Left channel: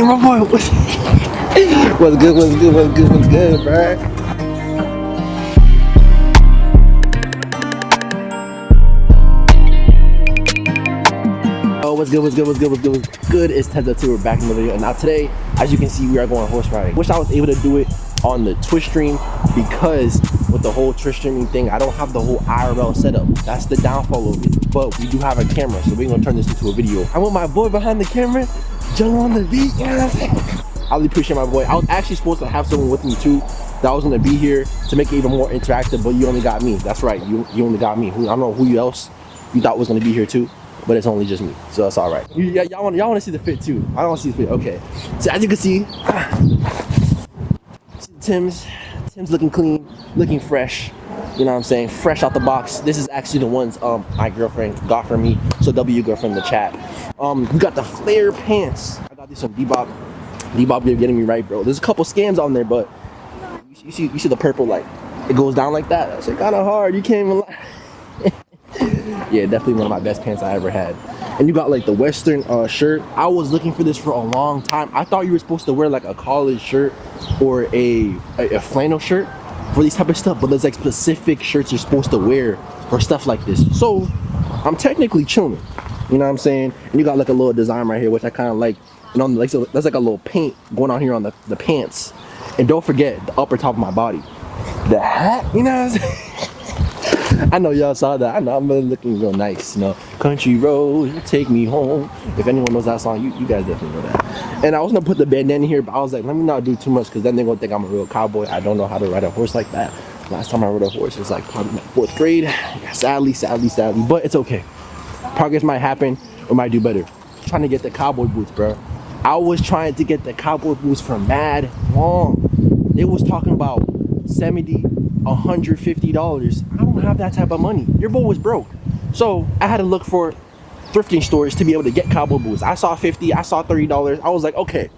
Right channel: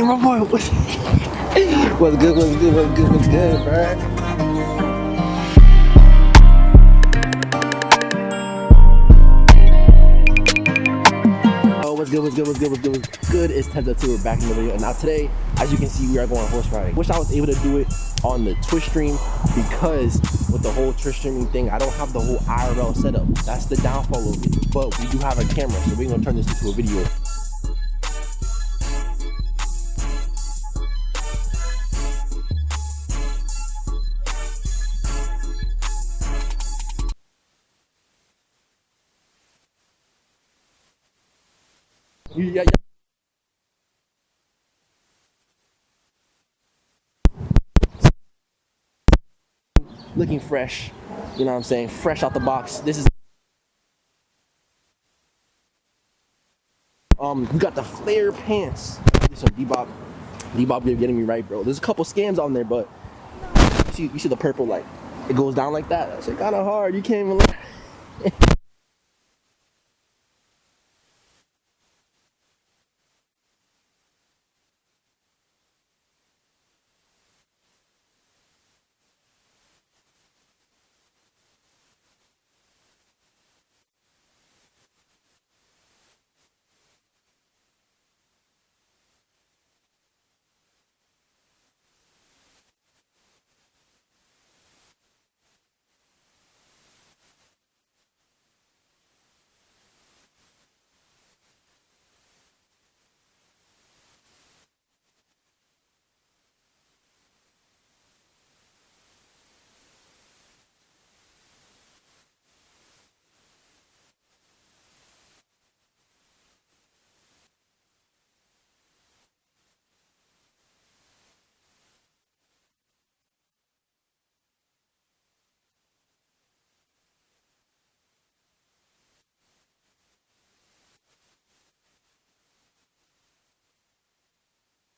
Hey, my boy, what's good, bro? Oh, what's good? It's Tevzea. We're back in the video, and now today, as you can see, we are going horse riding. Wish I was able to do it on the Twitch stream, because with the whole Twitch streaming thing, I don't have the whole IRL setup. That's the downfall of it. But we do have a camera, so we're gonna turn this into a video. I'm with my boy behind the camera, Jungle on the beat. I really appreciate my boy. I was actually supposed to have someone with me too that was gonna be here to make it even more interactive, but you only got me. That's right, you only got me. I don't know who else you thought was gonna be here too, but it's only just me, so that's all right. Yeah, y'all want to see the fit too. I don't want to see the fit. Okay, so as you can see, Tim's looking clean, looking fresh. You know what I'm saying? Fresh out the box. This is actually the ones my girlfriend got for me. So W girlfriend in the chat. We got the flare pants. Do some Bebop. Bebop, you're getting me right, bro. There's a couple scams on there, but you see the purple, like it goes down like that. That's kind of hard. You can't even. Yeah, definitely one of my best pants I ever had. And you got like the Western shirt. I was looking for this for a long time. I thought you were supposed to wear like a college shirt or a flannel shirt for these type of stuff, but there's like specific shirts you're supposed to wear for stuff like this. So I'm technically chilling, you know what I'm saying? And you got like a little design right here, which I kind of like. And on like, so there's like a little paint going on here on the pants. And don't forget the upper top of my body, the hat, you know what I'm saying? I know y'all saw that. I know I'm really looking real nice, you know. Country road, take me home. If anyone knows that song, you guys definitely know that. And I was gonna put the bandana here, but I was like, let me not do too much, because then they're gonna think I'm a real cowboy. I don't know how to ride a horse like that. Last time I rode a horse was like probably my 4th grade. Yeah, sadly, but it's okay. Progress might happen or might do better. Trying to get the cowboy boots, bro. I was trying to get the cowboy boots for mad long. They was talking about $70, $150. I don't have that type of money. Your boy was broke. So I had to look for thrifting stores to be able to get cowboy boots. I saw $50, I saw $30. I was like, okay,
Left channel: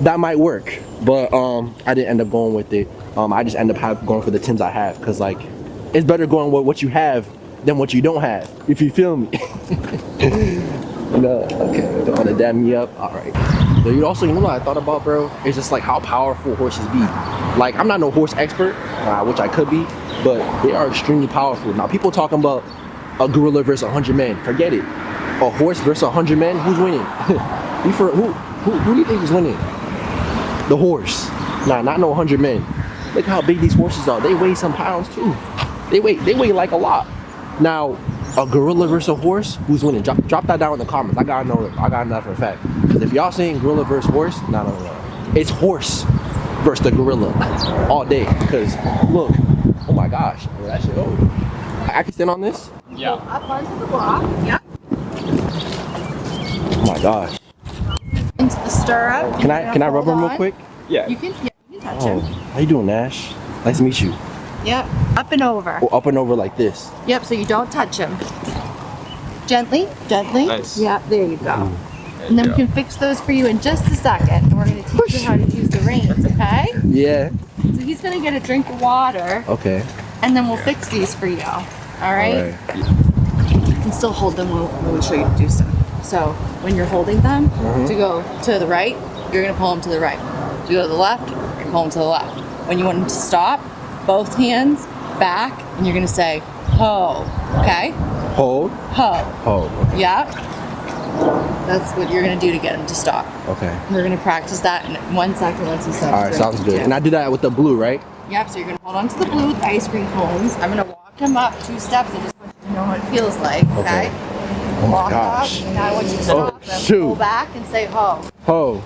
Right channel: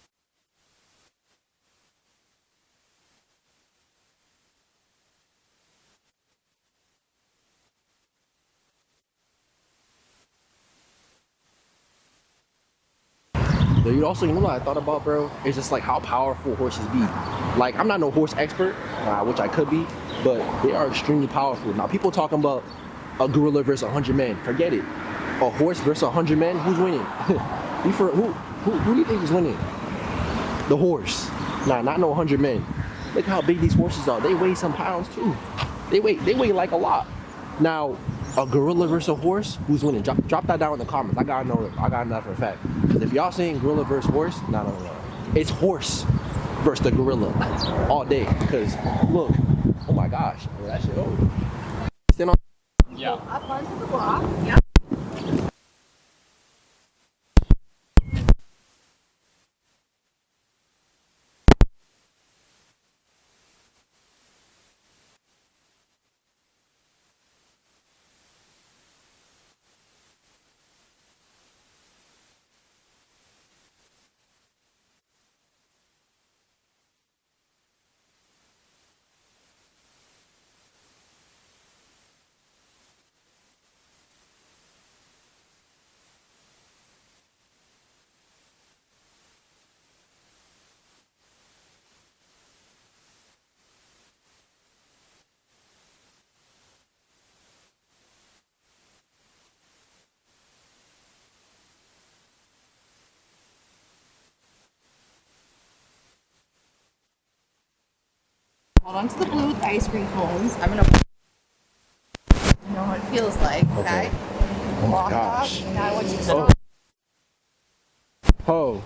that might work. But I didn't end up going with it. I just end up going for the Tims I have, because like it's better going with what you have than what you don't have, if you feel me. No, okay, don't want to dam me up. All right. So you know what I thought about, bro? It's just like how powerful horses be. Like, I'm not no horse expert, which I could be, but they are extremely powerful. Now, people talking about a gorilla versus 100 men. Forget it. A horse versus 100 men. Who's winning? Who do you think is winning? The horse. Nah, not no 100 men. Look how big these horses are. They weigh some pounds too. They weigh like a lot. Now, a gorilla versus a horse, who's winning? Drop that down in the comments. I gotta know that for a fact. Because if y'all saying gorilla versus horse, no. It's horse versus the gorilla all day. Because look, oh my gosh, that shit over. I can stand on this? Yeah. Go up onto the block. Yep. Oh my gosh. Into the stirrup. Can I rub him real quick? Yeah. You can touch him. How you doing, Nash? Nice to meet you. Yep. Up and over. Oh, up and over like this. Yep. So you don't touch him. Gently. Nice. Yep. There you go. There And then you we can fix those for you in just a second. And we're going to teach you how to use the reins, okay? Yeah. So he's going to get a drink of water. Okay. And then we'll fix these for you. All right? You can still hold them when we show you to do stuff. So when you're holding them, to go to the right, you're going to pull them to the right. To go to the left, you're going to pull them to the left. When you want them to stop, both hands back, and you're going to say, ho. Okay? Hold. Ho. Hold. Okay. Yeah? That's what you're going to do to get him to stop. Okay. We're going to practice that in 1 second once he stops. All right, sounds good. And I do that with the blue, right? Yep, so you're going to hold on to the blue with the ice cream cones. I'm going to walk him up 2 steps and just to know what it feels like, okay? Oh my Walk gosh. up, now I want you to stop and shoot. pull back and say ho. Ho.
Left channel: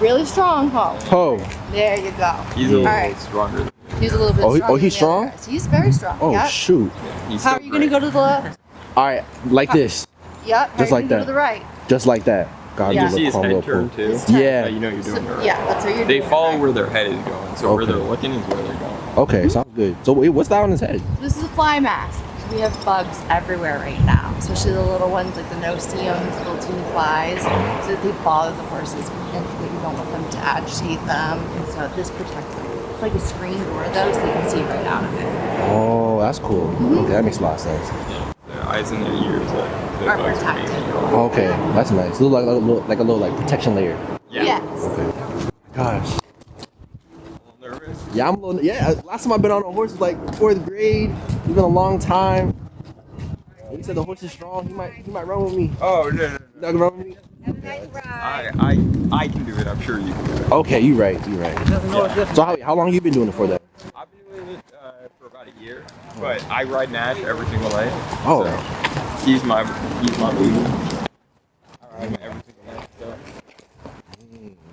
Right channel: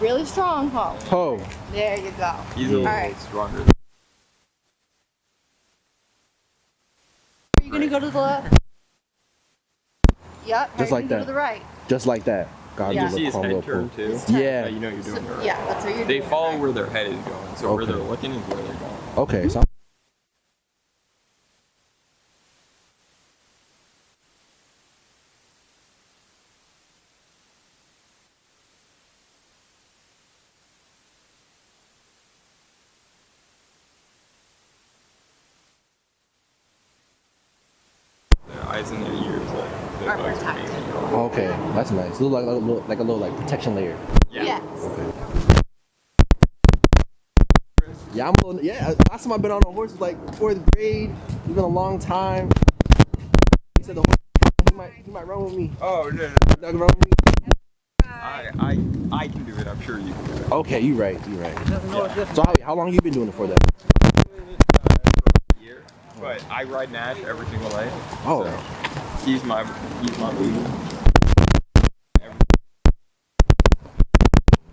Really strong ho. Ho. There you go. He's a little Alright. stronger than He's a little bit Oh, stronger. he's than the strong? other guys. He's very strong. Oh, Yep. shoot. he's How still are you going to great. go to the left? All right, like this. Yep. Just How are like you gonna that. go to the right? Just like that. God, Yeah. you See look his calm, head little turn fool. too? His head. Yeah. You know you're doing it right. Yeah, that's how you're They doing follow it. where their head is going, so where Okay. they're looking is where they're going. Okay, sounds good. So wait, what's that on his head? This is a fly mask. We have bugs everywhere right now, especially the little ones like the no-see-ums, little teeny flies, so that they bother the horses and that you don't want them to agitate them. And so this protects them. It's like a screen door though, so you can see right out of it. Oh, that's cool. Okay, that makes a lot of sense. Yeah. eyes in their ears that Are bugs me. protected. Okay, that's nice. Look like a little like protection layer. Yeah. Yes. Okay. Gosh. Nervous. Yeah, I'm a little. Yeah, last time I've been on a horse was like 4th grade. It's been a long time. He said the horse is strong. He might run with me. Oh no. Not gonna run with me. I can do it. I'm sure you can do it. Okay, you right. So how long you been doing it for then? I've been doing it for about a year, but I ride Nash every single day. Oh. So he's my leader. Every single day, so.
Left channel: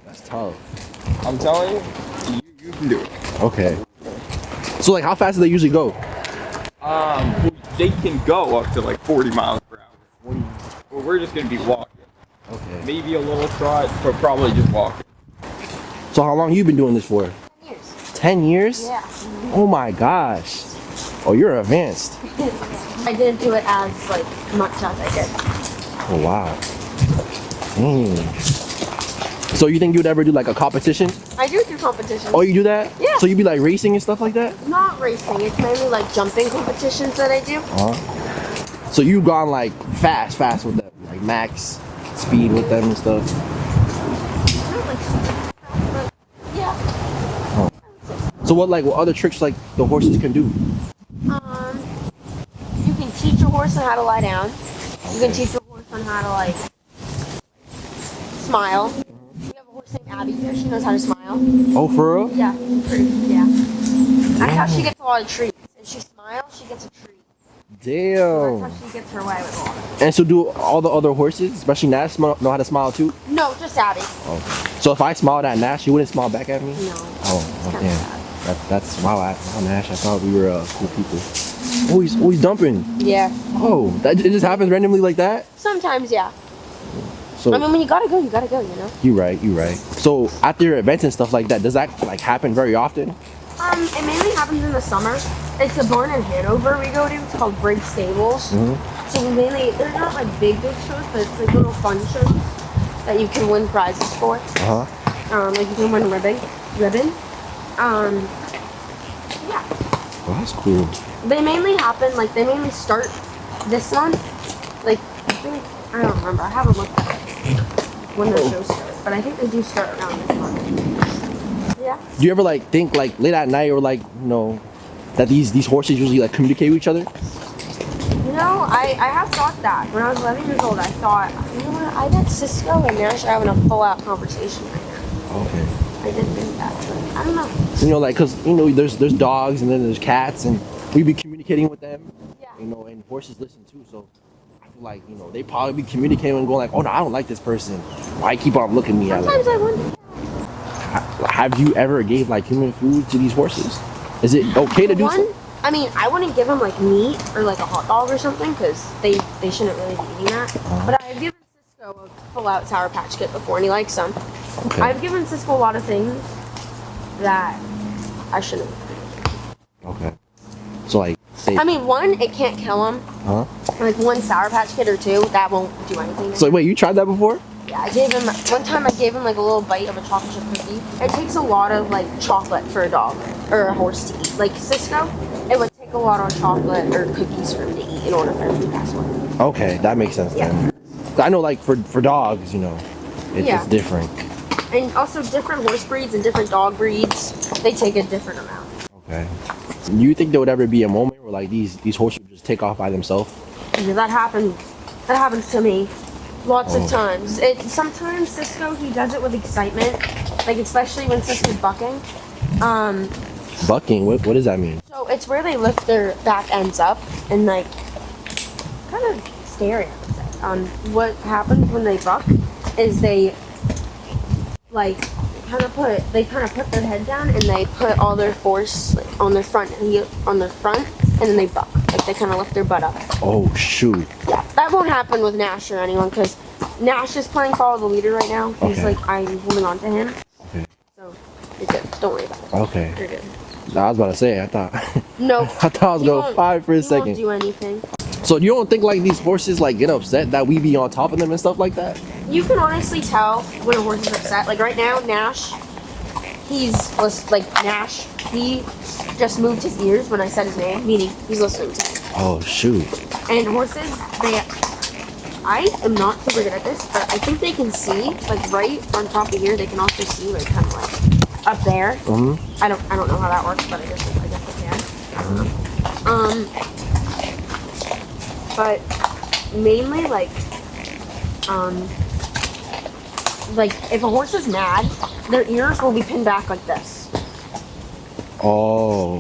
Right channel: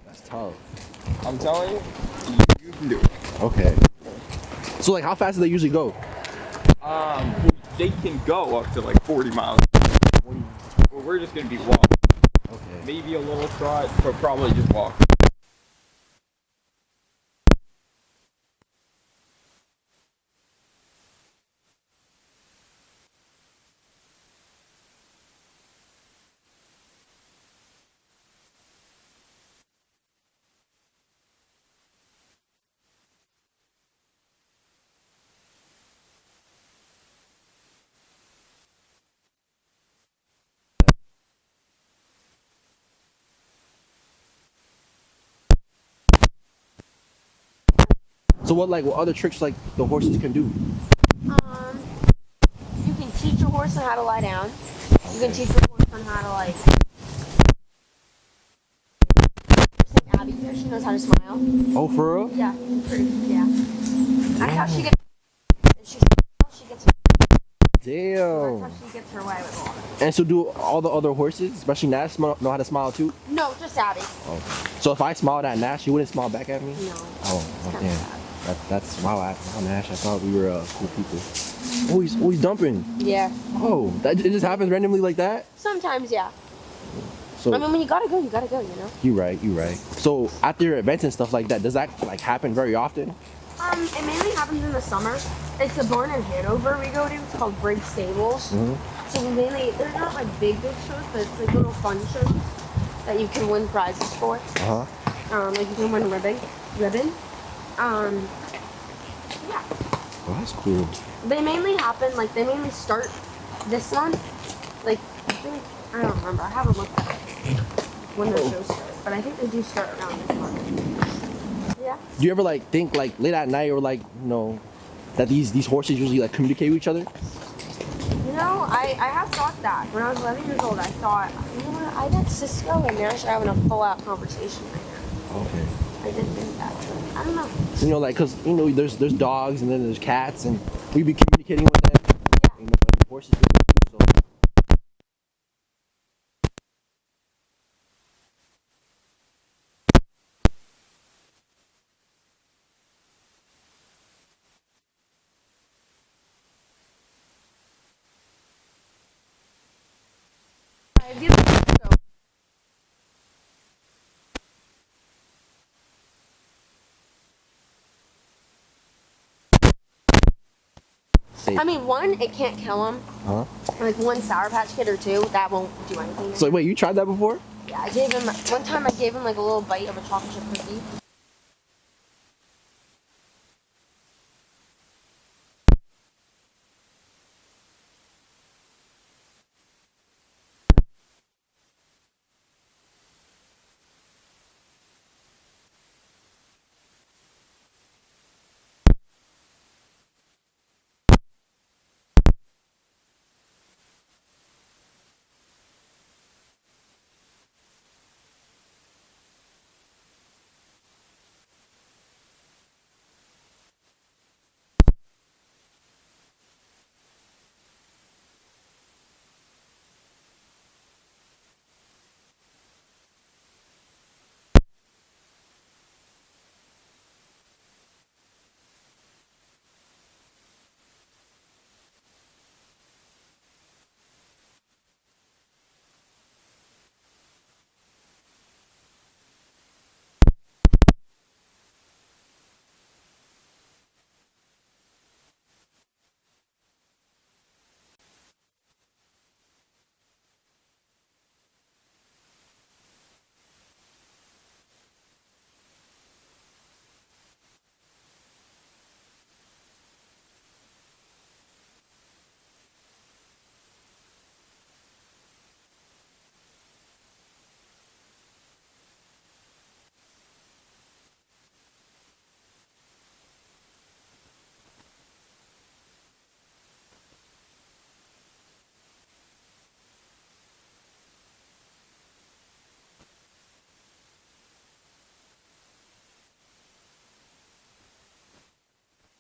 That's tough. I'm telling you, you can do it. Okay. So like, how fast do they usually go? They can go up to like 40 miles per hour. Well, we're just gonna be walking. Okay. Maybe a little trot, but probably just walk. So how long you been doing this for? 10 years? Yeah. Oh my gosh. Oh, you're advanced. I didn't do it as like much as I did. Oh wow. Dang. So you think you would ever do like a competition? I do competitions. Oh, you do that? Yeah. So you be like racing and stuff like that? Not racing. It's mainly like jumping competitions that I do. So you've gone like fast with them, like max speed with them and stuff. Not like super fast, but yeah. So what other tricks like the horses can do? You can teach your horse on how to lie down. You can teach your horse on how to like smile. The horse named Abby here, she knows how to smile. Oh, for real? Yeah, yeah. That's how she gets a lot of treats. If she smiles, she gets a treat. Damn. That's how she gets her way with a lot of it. And so do all the other horses, especially Nash, know how to smile too? No, just Abby. Oh. So if I smiled at Nash, you wouldn't smile back at me? No. Oh, It's damn. That's wow, Nash. I thought we were cool people. Oh, he's dumping. Yeah. Oh, it just happens randomly like that? Sometimes, yeah. So I mean, when you gotta go, you gotta go, you know? you right. So after your events and stuff like that, does that like happen very often? It mainly happens in the summer. It's a barn in Hanover we go to. It's called Briggs Stables. So we mainly, they're not like big shows, but it's like little fun shows that you can win prizes for. Like you can win ribbon. Yeah. Oh, that's cool. They mainly happen, like they mainly start this month. Like, I don't remember. I haven't looked at when the shows start, but I think they do start around this month. Yeah. Do you ever like think like late at night or like that these horses usually like communicate with each other? You know, I have thought that. When I was 11 years old, I thought, you know what, I bet Cisco and Nash are having a full-out conversation right now. Okay. I did think that, but I don't know. So, like, cause there's dogs and then there's cats and we be communicating with them. Yeah. And horses listen too. So I feel like they probably be communicating and going like, oh no, I don't like this person. Why keep on looking at me? Sometimes I wonder. Have you ever gave like human food to these horses? Is it okay to do so? I mean, I wouldn't give them like meat or like a hot dog or something because they shouldn't really be eating that. But I've given Cisco a full-out Sour Patch Kit before, and he likes them. Okay. I've given Cisco a lot of things that I shouldn't. Okay. So like, say. I mean, one, it can't kill him. Like one Sour Patch Kit or two, that won't do anything. So wait, you tried that before? Yeah, I gave him one time. I gave him like a little bite of a chocolate chip cookie. It takes a lot of like chocolate for a dog or a horse to eat. Like Cisco, it would take a lot of chocolate or cookies for him to eat in order for him to pass away. Okay, that makes sense then. I know like for dogs, it's different. And also different horse breeds and different dog breeds, they take a different amount. Okay. Do you think there would ever be a moment where like these horses would just take off by themselves? Yeah, that happens to me. Lots of times. Sometimes Cisco, he does it with excitement, like especially when Cisco's bucking. Bucking? What does that mean? So it's where they lift their back ends up and like kind of scary. I would say. What happens when they buck is they like kind of put their head down and they put all their force like, on their front, and then they buck. Like they kind of lift their butt up. Oh shoot. Yeah, that won't happen with Nash or anyone because Nash is playing follow the leader right now. He's like, I'm holding on to him. Okay. So you're good. Don't worry about it. Okay. You're good. I was about to say, I thought. No. I thought I was going 5 for a He second. won't do anything. So you don't think like these horses like get upset that we be on top of them and stuff like that? You can honestly tell when a horse is upset. Like right now, Nash, like Nash. He just moved his ears when I said his name, meaning he's listening to me. Oh shoot. And horses, I am not super good at this, but I think they can see, like right on top of here. They can also see, like kind of like up there. Mm-hmm. I don't know how that works, but I guess they can. Mm-hmm. But mainly like if a horse is mad, their ears will be pinned back like this. Oh.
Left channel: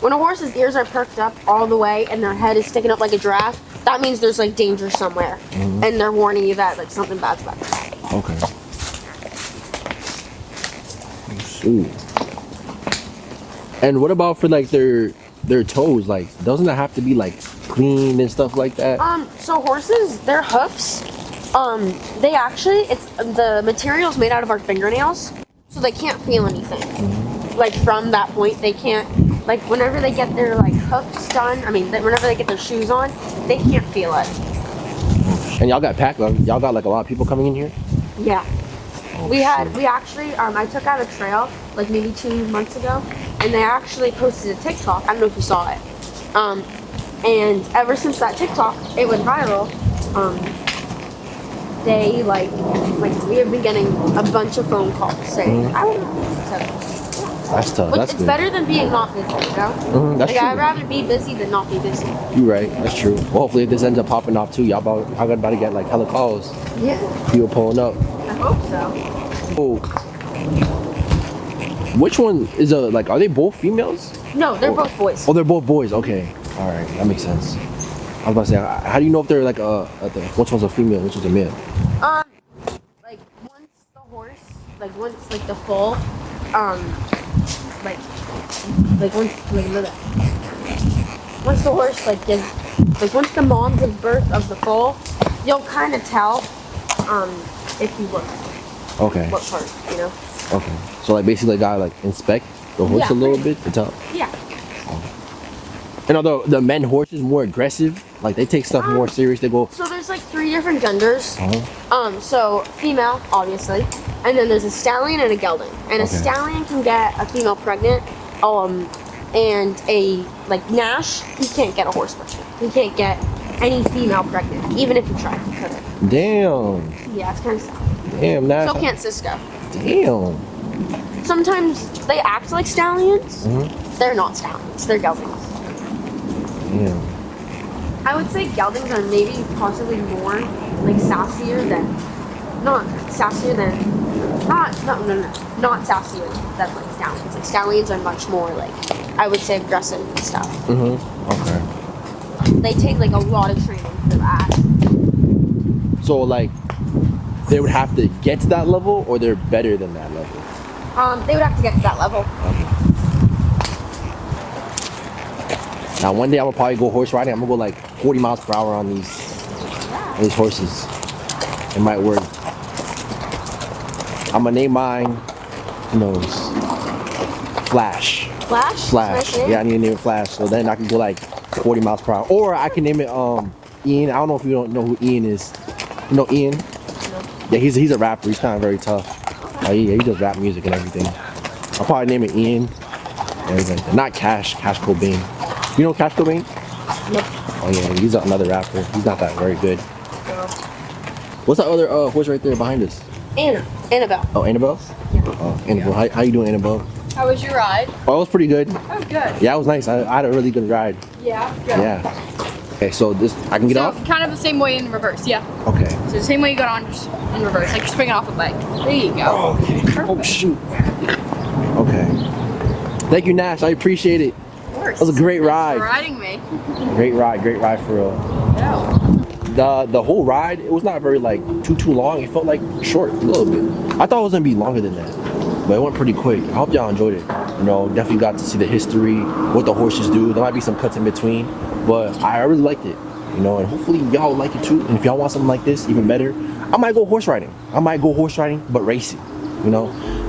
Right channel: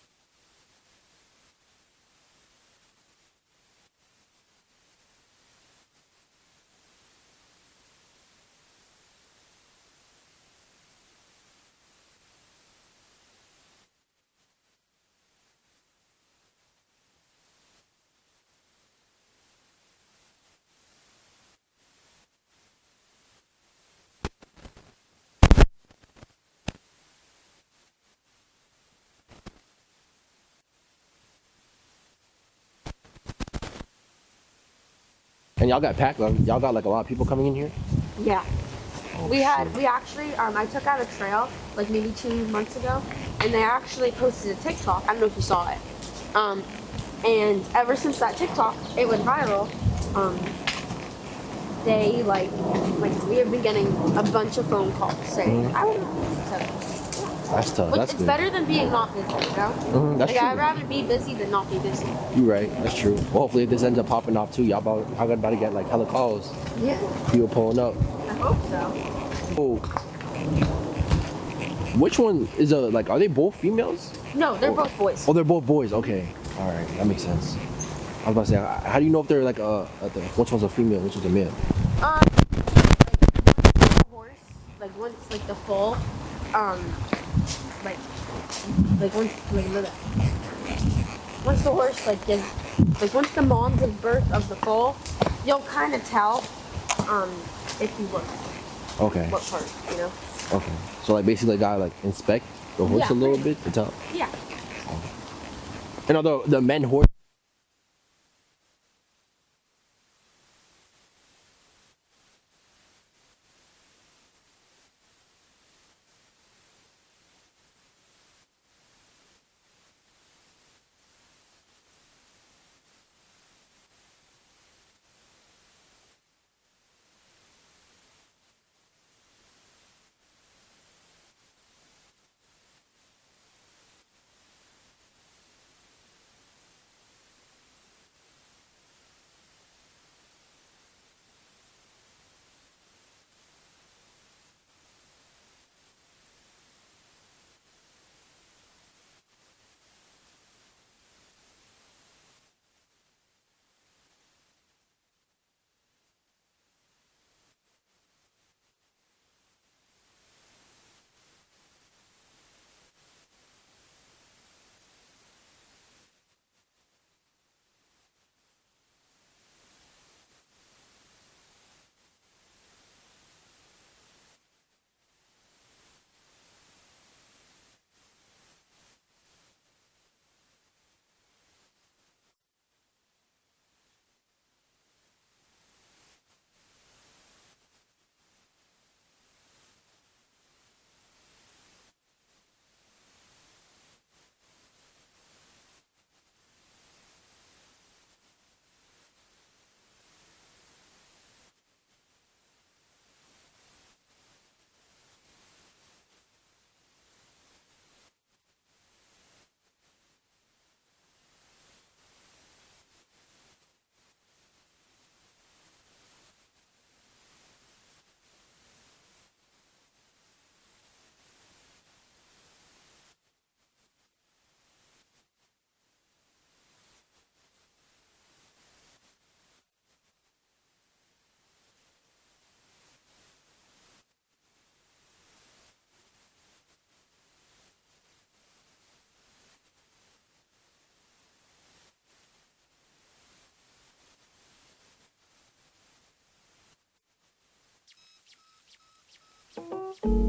When a horse's ears are perked up all the way and their head is sticking up like a giraffe, that means there's like danger somewhere, Mm-hmm. and they're warning you that like something bad's about to happen. Okay. Shoot. And what about for like their toes? Like, doesn't it have to be like clean and stuff like that? So horses, their hoofs, they actually, it's the material's made out of our fingernails, so they can't feel anything. Like from that point, they can't. Like whenever they get their like hoofs done, whenever they get their shoes on, they can't feel it. And y'all got packed. Y'all got like a lot of people coming in here. Yeah. Oh, We actually, I took out a trail like maybe 2 months ago, and they actually posted a TikTok. I don't know if you saw it. And ever since that TikTok, it went viral. They like we have been getting a bunch of phone calls saying, I don't know. So, That's tough. which That's it's good. better than being not busy, you know? That's Like true. I'd rather be busy than not be busy. You right. That's true. Well, hopefully if this ends up popping off too, y'all about to get like hella calls. Yeah. People pulling up. I hope so. Oh. Which one is are they both females? No, they're both boys. Oh, they're both boys. Okay. All right. That makes sense. I was about to say, how do you know if they're like which one's a female, which one's a male? Once like the full, once the horse once the mom gives birth of the foal, you'll kind of tell, if you look Okay. what part, you know. Okay. So like basically, gotta inspect the horse Yeah, a little pretty bit to tell. Yeah. And although the men horses more aggressive, like they take stuff more serious. They go. So there's like 3 different genders. So female, obviously, and then there's a stallion and a gelding. And a Okay. stallion can get a female pregnant, and a Nash, he can't get a horse pregnant. He can't get any female pregnant, even if he tried. He couldn't. Damn. Yeah, it's kind of sad. Damn. Nash. So can't Cisco. Damn. Sometimes they act like stallions. They're not stallions. They're geldings. Damn. I would say geldings are maybe possibly more sassier than, not sassier than stallions. Like stallions are much more I would say aggressive and stuff. Okay. They take a lot of training for that. So they would have to get to that level, or they're better than that level. They would have to get to that level. Okay. Now one day I'm gonna probably go horse riding. I'm gonna go 40 miles per hour on these horses. It might work. I'm gonna name mine, who knows, Flash. Flash? Flash. Yeah, I need to name it Flash. So then I can go 40 miles per hour. Or I can name it Ian. I don't know if you don't know who Ian is. You know Ian? No. Yeah, he's a rapper. He's kind of very tough. He does rap music and everything. I'll probably name it Ian. And everything. Not Cash Cobain. You know Cash Cobain? Nope. Oh yeah, he's another rapper. He's not that very good. No. What's that other horse right there behind us? Annabelle. Oh, Annabelle? Yeah. Oh, Annabelle. How you doing, Annabelle? How was your ride? Oh, it was pretty good. Oh, good. Yeah, it was nice. I had a really good ride. Yeah, good. Yeah. Okay, so I can get So off? kind of the same way in reverse, yeah. Okay. So the same way you got on, just in reverse, like you're swinging off a bike. There you go. Oh, okay. Oh, Perfect. shoot. Okay. Thank you, Nash. I appreciate it. Of course. That was a great Thanks ride. for riding me. Great ride for real. Yeah. The whole ride, it was not very too long. It felt short a little bit. I thought it was gonna be longer than that, but it went pretty quick. I hope y'all enjoyed it. Definitely got to see the history, what the horses do. There might be some cuts in between, but I really liked it. And hopefully y'all like it too. And if y'all want something like this, even better, I might go horse riding. But racing. That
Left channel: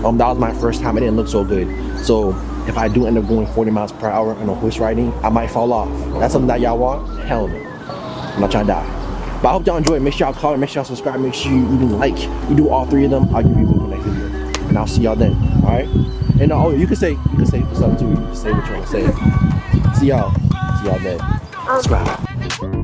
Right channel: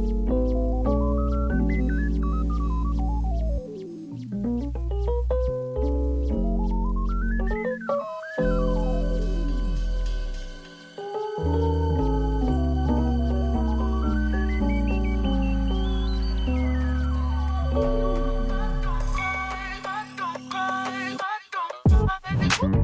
was my first time. It didn't look so good. So if I do end up going 40 miles per hour on a horse riding, I might fall off. That's something that y'all want? Hell no. I'm not trying to die. But I hope y'all enjoy it. Make sure y'all comment, make sure y'all subscribe, make sure you do all 3 of them. I'll give you a next video. and I'll see y'all then. All right. And oh, you can say stuff too. You can say what you want to say. See y'all then. Subscribe.